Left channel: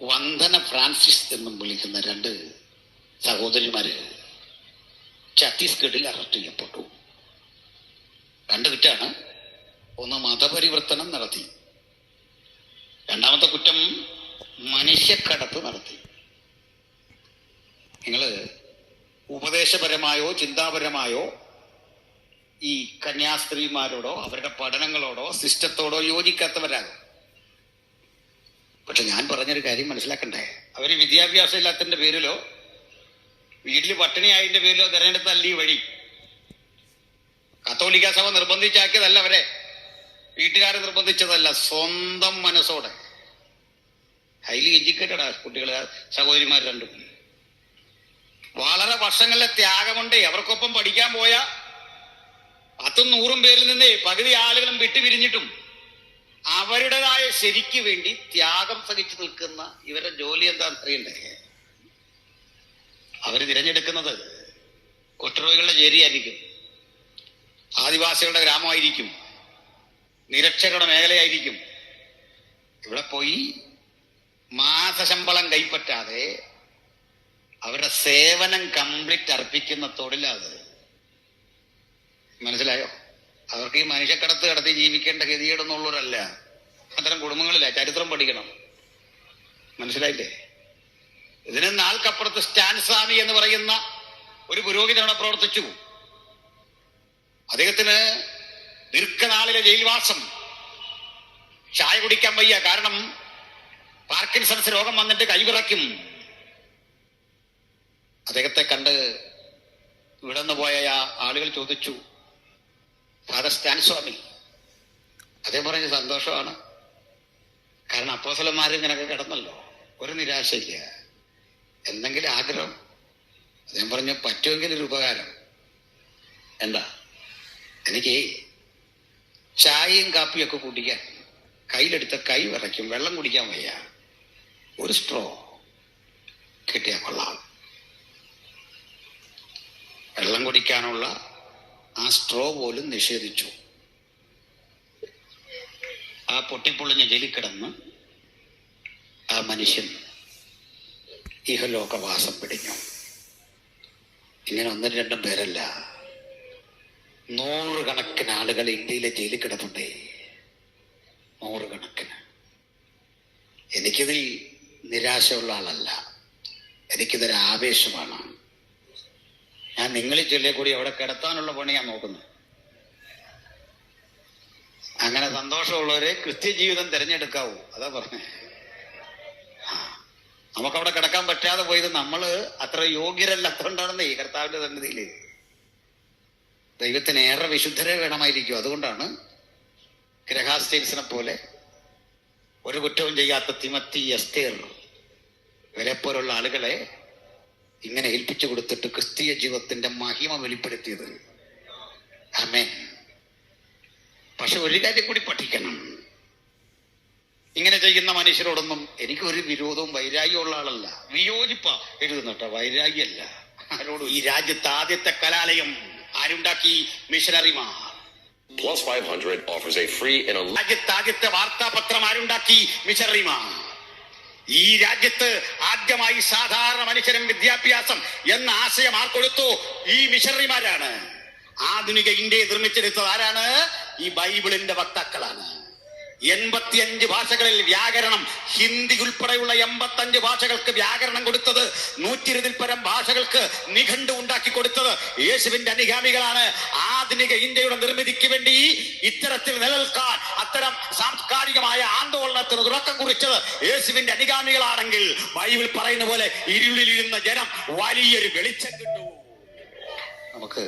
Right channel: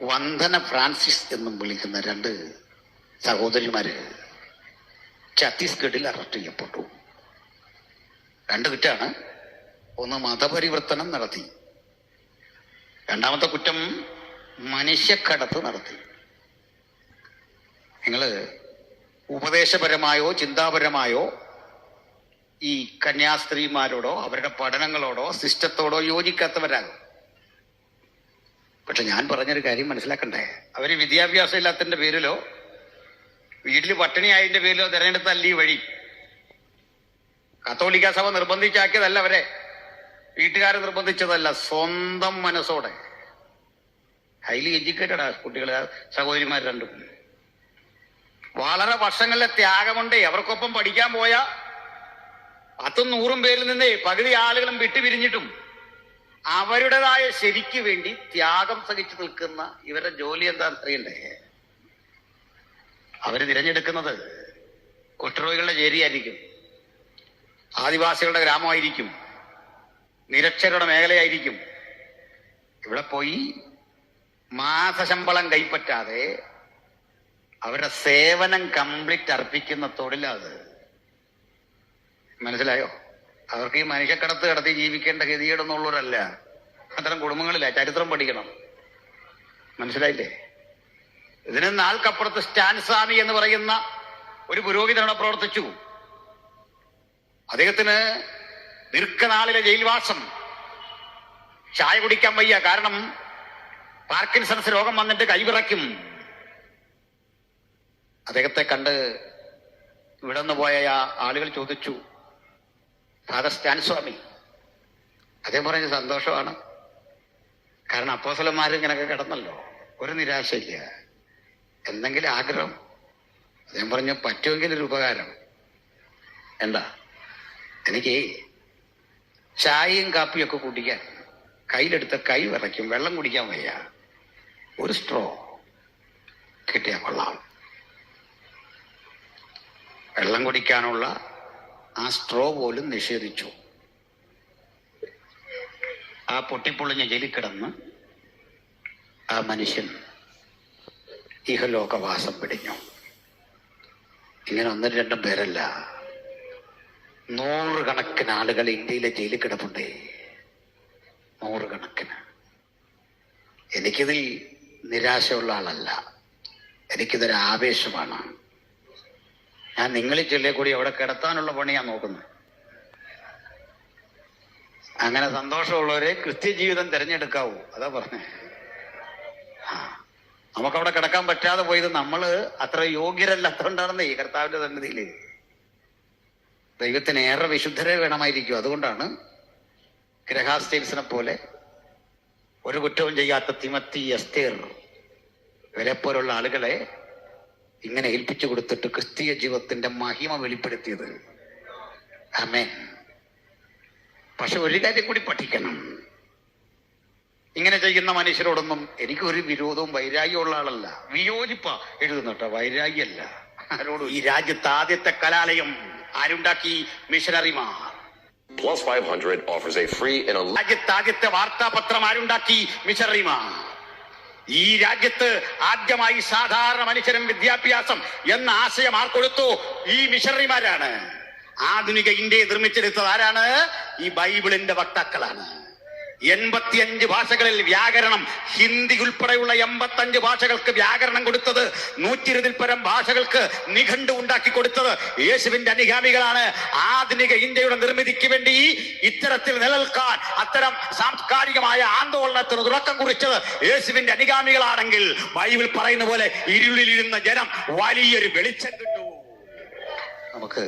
Vandana Francis എന്നും വിളിക്കുന്ന രണ്ട് സഹോദരിമാര് ഛത്തീസ്ഗഡിൽ അറസ്റ്റ് ചെയ്യപ്പെട്ടു. രണ്ട് കുറ്റാണ്. ഒന്ന് മതപരിവർത്തനം നടത്തി, രണ്ടാമത്തെ കുറ്റം മനുഷ്യക്കടത്ത് നടത്തി. നിങ്ങൾ ഉപദേശപരമായോ ചിന്താപരമായോ ഈ കന്യാസ്ത്രീമാരോടോ അവരുടെ പഠനങ്ങളോടോ സിസ്റ്റത്തോടോ യോജിക്കാത്തവരാകും. പക്ഷെ ഞാൻ പറഞ്ഞൊരു കാര്യം മനസ്സിലാക്കണ്ടേ, അവര് വിദ്യാഭ്യാസം ഇല്ലാത്തതിന്റെ പേരിലോ വീട്ടിൽ പട്ടിണിയായതിന്റെ പേരിലോ തിരഞ്ഞെടുത്തല്ല ഈ വഴി. കത്തോലിക്ക സഭ നിർബന്ധിച്ചാക്കിയതല്ല, അവരെ വീട്ടുകാർ നിർബന്ധിച്ചതല്ല, സ്വന്തം മനസ്സോടെ. ഹൈലി എഡ്യൂക്കേറ്റഡ് ആ കുട്ടികൾ, സഹോദരിമാർ രണ്ടും. വളരെ വർഷങ്ങളിലെ ത്യാഗമുണ്ടേ. അവർക്കൊപ്പം പഠിക്കാൻ പോയ 100-100 പേരിൽ നിന്നേ പകുതി ആളുകളും വിട്ടുപിരിഞ്ഞിട്ടും അവരുടേതായ ശരിക്ക് വേണ്ടി ത്യാഗം സഹിച്ചു നിൽക്കുന്ന ഇവരുടെ ജോലി എന്താണെന്ന് അറിയണ്ടേ? അവര് തിരഞ്ഞെടുക്കുന്നത് കുഷ്ഠരോഗികളുടെ ചേരിയായിരിക്കും, ആദിവാസികളുടെ ഗ്രാമമായിരിക്കും, നിരക്ഷരരുടെ മേഖലയായിരിക്കും. ഇവിടെ പോയി മാസശമ്പളം കൈപ്പറ്റാതെ അവരുടെ സേവനം കംപ്ലീറ്റ് അർപ്പിക്കുന്ന തൊഴിലത്. മനസ്സിലായോ? അവർക്ക് ഈ മനുഷ്യക്കടത്ത് കടത്തി ജീവിക്കേണ്ട ഗതികേടൊന്നുള്ളവരല്ല. അത്തരം കുടുംബങ്ങളില്ല. ചരിത്രം പഠിക്കണം. മനസ്സിലായില്ലേ? ഇതിന് നാൾക്കപ്പുറത്ത് സ്റ്റാൻ സ്വാമി എന്ന് പറയുന്ന ഒരു പുരോഹിതനോട് പ്രവർത്തിച്ചു. അദ്ദേഹത്തിന് ദീർഘനാളിലെ ജയിൽവാസം, ചായ കുടിക്കാൻ വയ്യ. കാരണം പാർക്കിൻസൺസ് രോഗം വന്നിട്ട് കൈവിറയ്ക്കും. അദ്ദേഹത്തെ കണ്ട് ഇവിടെ നിന്ന് പോയ ആളുകൾ ചോദിച്ചു, ഫാദർ സ്റ്റാൻ സ്വാമി. അദ്ദേഹം പറഞ്ഞ സന്തോഷമാണ്. കാരണം അപ്പോസ്തലന്മാർ ഇങ്ങനെയൊക്കെ കിടന്നല്ലോ, ഒരു നിരാശയില്ല, എന്തെങ്കിലും ആഗ്രഹം. അദ്ദേഹം പറഞ്ഞു, പറ്റുമെങ്കിൽ ഒരു ഉപകാരം. എന്താ? എനിക്ക് ചായയും കാപ്പിയും ഒക്കെ കുടിക്കാൻ കയ്യിലെടുത്ത കൈ വിറയ്ക്കും, വെള്ളം കുടിക്കാൻ വയ്യ, ഒരു സ്ട്രോ കിട്ടിയാൽ കൊള്ളാം. വെള്ളം കുടിക്കാനുള്ള ആ സ്ട്രോ പോലും നിഷേധിച്ചു. ആ പൊട്ടിപ്പൊളിഞ്ഞ ജയിലിൽ കിടന്ന് ആ മനുഷ്യൻ ഇഹലോകവാസം പിടിഞ്ഞു. ഇങ്ങനെ 1-2 പേരല്ല, 100 കണക്കിന് ആളുകൾ ഇന്ത്യയിലെ ജയിലിൽ കിടപ്പുണ്ടേ, 100 കണക്കിന്. എനിക്കിതിൽ നിരാശയുള്ള ആളല്ല, എനിക്കിതൊരു ആവേശമാണ്. ഞാൻ നിങ്ങളിൽ ചൊല്ലിയ കൂടി അവിടെ കിടത്താനുള്ള പണി ഞാൻ നോക്കുന്നത്. അങ്ങനെ സന്തോഷമുള്ളവരെ ക്രിസ്ത്യ ജീവിതം തിരഞ്ഞെടുക്കാവൂ, അതാ പറഞ്ഞേ. നമുക്കവിടെ കിടക്കാൻ പറ്റാതെ പോയത് നമ്മള് അത്ര യോഗ്യരല്ലാത്തതുകൊണ്ടാണെന്നേ. ഈ കർത്താവിന്റെ സന്നിധിയില് ദൈവത്തിന് ഏറെ വിശുദ്ധരെ വേണമായിരിക്കും. അതുകൊണ്ടാണ് ഗ്രഹാസ്റ്റേൽസിനെ പോലെ ഒരു കുറ്റവും ചെയ്യാത്ത തിമത്തി, എസ്തേർ ഇവരെ പോലുള്ള ആളുകളെ ഇങ്ങനെ ഏൽപ്പിച്ചു കൊടുത്തിട്ട് ക്രിസ്തീയ ജീവിതത്തിന്റെ മഹിമ വെളിപ്പെടുത്തിയത്. ആമേൻ. പക്ഷെ ഒരു കാര്യം കൂടി പഠിക്കണം. ഇങ്ങനെ ചെയ്യുന്ന മനുഷ്യരോടൊന്നും എനിക്കൊരു വിരോധവും വൈരാഗ്യവും ഉള്ള ആളല്ല. വിയോജിപ്പ എഴുതുന്നട്ടോ, വൈരാഗ്യമല്ല ആരോടും. ഈ രാജ്യത്ത് ആദ്യത്തെ കലാലയം ആരുണ്ടാക്കി? മിഷനറിമാർ. Plus 500 offers a free and a രാജ്യത്ത് ആദ്യത്തെ വാർത്താപത്രം ആരുണ്ടാക്കി? മിഷനറിമാർ. ഈ രാജ്യത്ത് ആദ്യമായി സാധാരണ മനുഷ്യരും വിദ്യാഭ്യാസം എന്ന ആശയം ആർക്കൊടുത്തു? ഈ മിഷണറിമാരാണ്. ആധുനിക ഇന്ത്യയെ നിർമ്മിച്ചെടുത്തത് ആരാണ്? ഈ ബൈബിളിന്റെ വക്താക്കളാണ്. 85 ഭാഷകളിൽ വ്യാകരണം, ഹിന്ദി ഉൾപ്പെടെയുള്ള 85 ഭാഷകൾക്ക് വ്യാകരണം കൊടുത്തത്, 120-ൽ പരം ഭാഷകൾക്ക് നിഘണ്ടു ഉണ്ടാക്കി കൊടുത്തത് യേശുവിന്റെ അനുഗാമികളാണ്. ആധുനിക ഇന്ത്യയുടെ നിർമ്മിതിക്ക് വേണ്ടി ഇത്തരത്തിൽ നിലനിൽക്കാൻ, അത്തരം സാംസ്കാരികമായ ആന്തോളനത്തിന് തുടക്കം കുറിച്ചത് യേശുവിന്റെ അനുഗാമികളാണെങ്കിൽ ബൈബിൾ പറയുന്ന പോലെ ഇരുളിലിരുന്ന ജനം വലിയൊരു വെളിച്ചം കിട്ടു. നമുക്ക്